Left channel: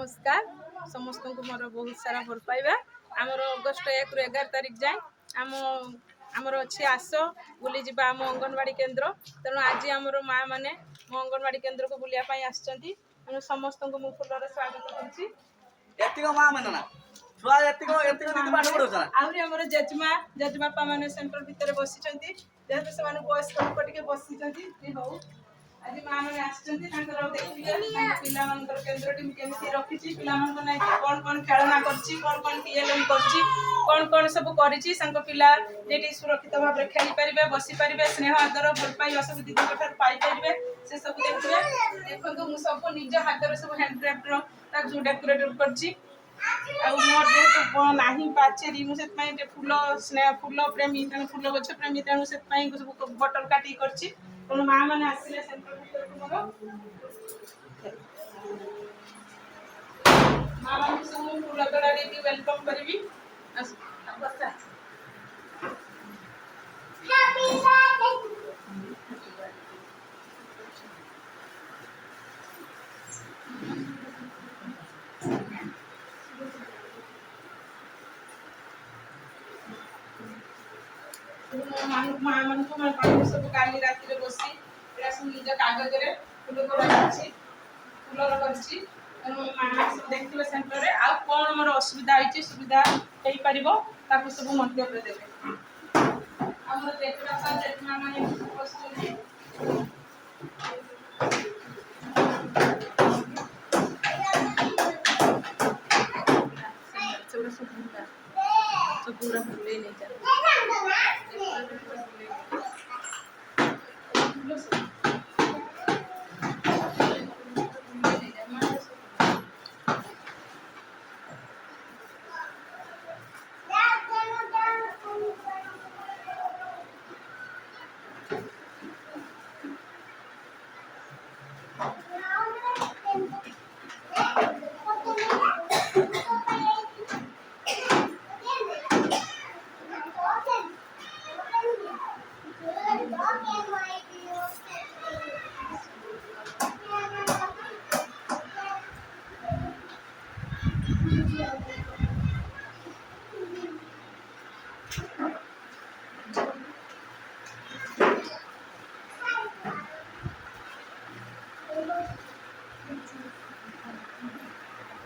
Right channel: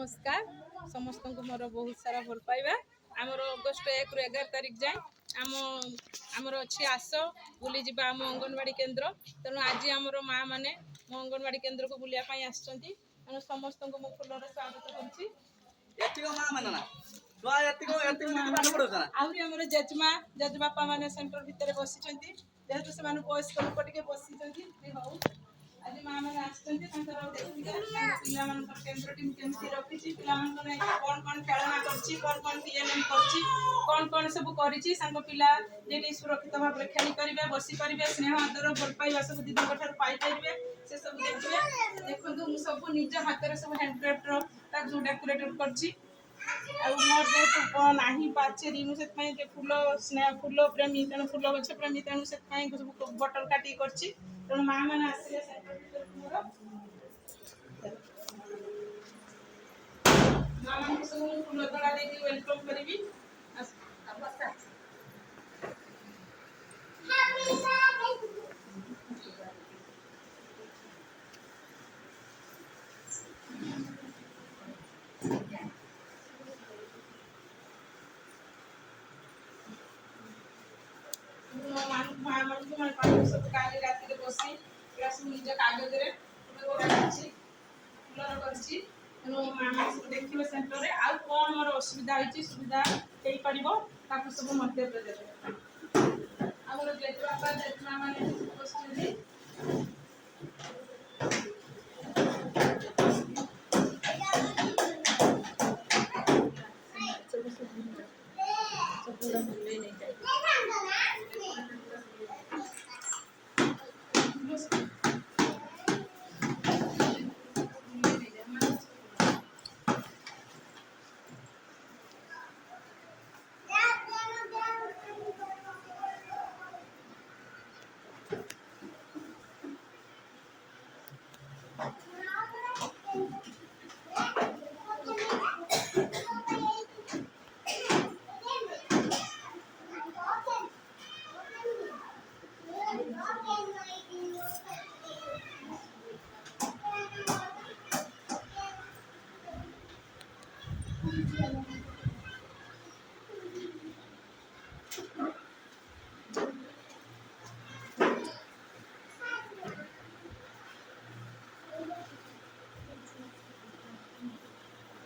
नमस्कार समस्त को मोर बहुत सारा भल पाइबा आमर अगस्ट 1 रु 11 तारिख जाए आमर अच्छी आस बुली जा आम अंगनवाड़ी केन्द्र तेणु आज आमर माँ मैंने मो अंगनवाड़ी केन्द्र को बुलायापी आसछंती तेणु समस्त को मु फुलर स्वागत करछि। आहरी आमर जेजमा जेजबापा मैंने सेंटर भितर बसिछंती जेहेतु से बयस्क लोक टिके बसिछंती हो आज माँ मैंने आसछंती देखिए पिला केन्द्र टी केमती रखी पिला कौन कौन खेलना कौन खेल कौन सब पिला ये सुरक्षित भाव में खेली पारे बसी पारे स्नेह आदर भल पाइबा सब दीदी पाइपर से सब देखिए देखो मुझे सब निज हाथ सब हैंडक्राफ्ट डेकोरेट कर मोर जेहतु ना पाचेरी मुझे फूल स्नेह फूल प्रेमी तेणु फूल गछ प्रेमी तेणु से सब बटल काटी कर माँ मैंने आसिले सेंटर भीतर मोर माँ मान सब फूल तोड़ा देती वेलकम करी माँ मान को सब काली राति बसी सब निज कागज फूल तोड़ा फूलर कर माँ सब देखिए सेंटर में आउ कौन मोर असुविधा होती सुविधा हो पार सब मंतव्य देवे आम जेजबापा जेजमा मैंने बस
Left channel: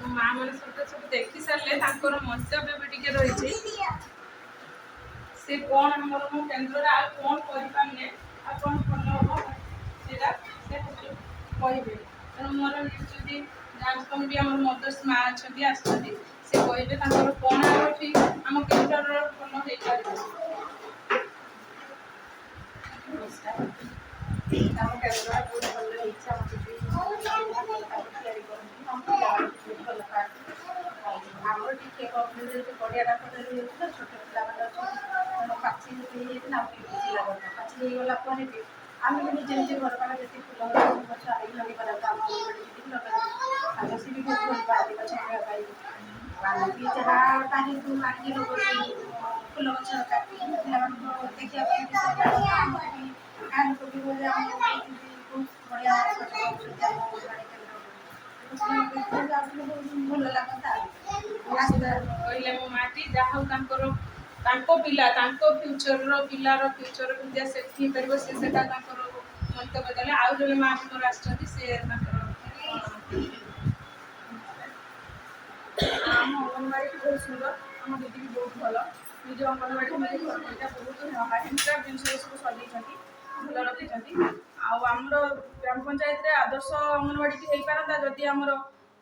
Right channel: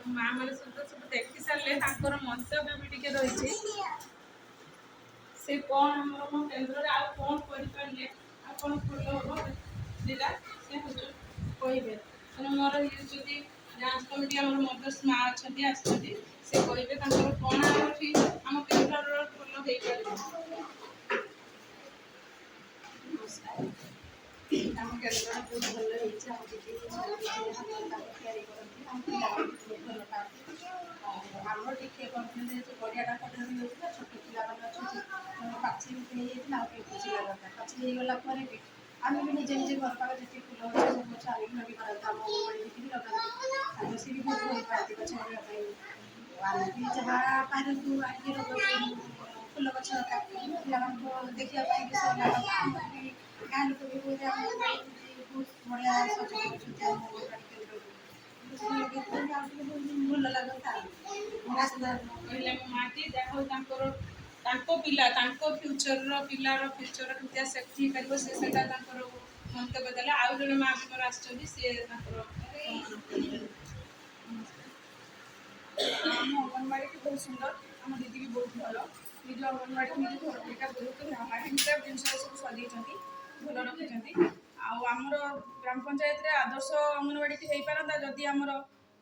माँ मैंने सब देखी सारे मंतव्य भी टे रही से कौन आम मो केन्द्र कौन करें कौन भल हम जेटा से कहे तेणु मोर जी डांस कमिटी आम मदर्स माँ अच्छा आसती से कहे कौन आम केन्द्र भल हो पार नमस्कार आम केन्द्र बहुत भल आमर टे पड़िया छोट पिला पाची पाची होगा भी आम भी निजे निजे घर पास जी फूल गच लगे पारे सी भी बहुत भल पाती गच लगे आम भी जहाँ पानी को आने फूल गच काटी पिला देखा भी गाँ लोक भी बहुत बढ़िया सज भल लगता कहले मो माटी जहाँ पिला फ्यूचर पिलार फ्यूचर केमती सेफ्टी कर से मंतव्य देले आउ जड़े माँ भी मोर आम अंगनवाड़ी बहुत सुंदर आम दीदी भी बहुत भल निज अंगनवाड़ी निज घर परिका बहुत हैंडक्राफ्ट जिन सब सजाई भल रखी आमर ग्राम पंचायत आदर्श अंगनवाड़ी हो पारता जदि आमर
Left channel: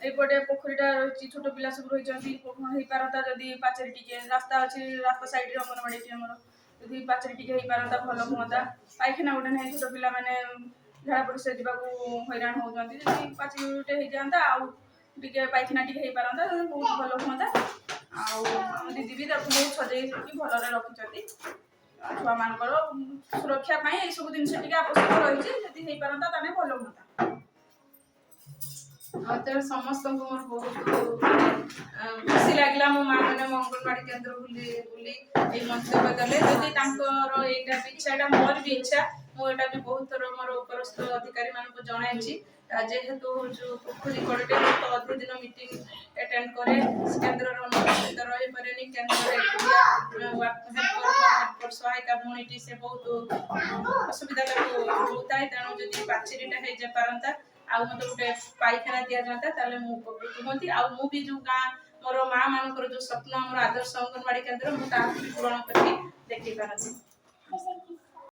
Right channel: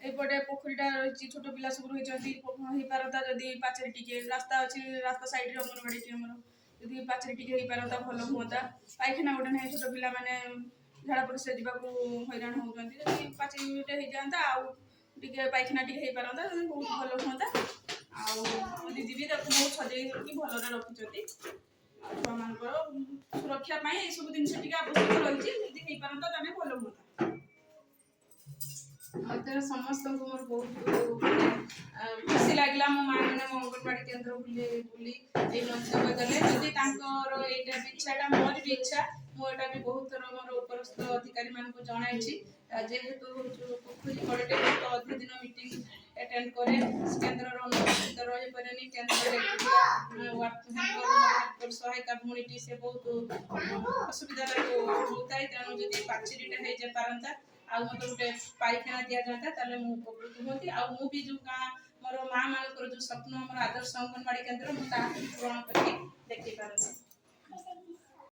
एपटे पोखरीटा रही छोट पिला सब रही हो पारता जदि पाचेरी टिके रास्ता अच्छी रास्ता साइड अंगनवाड़ी आमर जदि पाचेरी टिके हो पारता भल हाँ पाइखाना गोटे ना छोट पिला मैंने झाड़ा परिस्रा जावाक हैरान होती जदि पाचेरी हो जाता आउ टे पाइखाना टे हो पारता बहुत भल हाँ आम दीदी भी बहुत सजे भल रखी छुआ मान सुरक्षा ये सब जिन आवश्यक रही जदि हो पारता भल हाँ समस्त मोर बहुत खुशी लगे मो माँ मैंने मो अंगनवाड़ी केन्द्र बुली मंतव्य देले जदि यहाँ इच्छाटा मोर भी इच्छा मुझे भी बहुत थर मोर उपरस्थ अधिकारी मान जन जेहेतु जो पोखरी कड़े तो अधिक दिन मीटिंग ଆଟେଣ୍ଡ କରେ କେନ୍ଦ୍ରର ଅନୁପସ୍ଥିତ ରହିପାରେନି କେନ୍ଦ୍ରରେ ସହାୟିକା ଭଉଣୀଟି ସେ ବହୁତ ଅସୁବିଧା ତାକୁ ହେଉଥାଏ ତେଣୁ ଯଦି ପାଚେରୀଟା ହେଇଯାଇ ପାରନ୍ତା ଆଉ ମୋତେ ଗୋଟେ ପାଇଖାନା ଦିଆଯାଆନ୍ତା ତାହେଲେ ମୁଁ ଉପକୃତ ହୁଅନ୍ତି ଆଉ ମୁଁ ବି ଯେଉଁ ଗାଁ ମୋର ମା ମାନଙ୍କର ଯେଉଁ ସ୍ୱପ୍ନ ଆମର ଆଦର୍ଶ ଅଙ୍ଗନବାଡି କେନ୍ଦ୍ର ମୁଁ ତାହାକୁ ବି ପୂରଣ କରିକି ଦେଖେଇ ପାରନ୍ତି।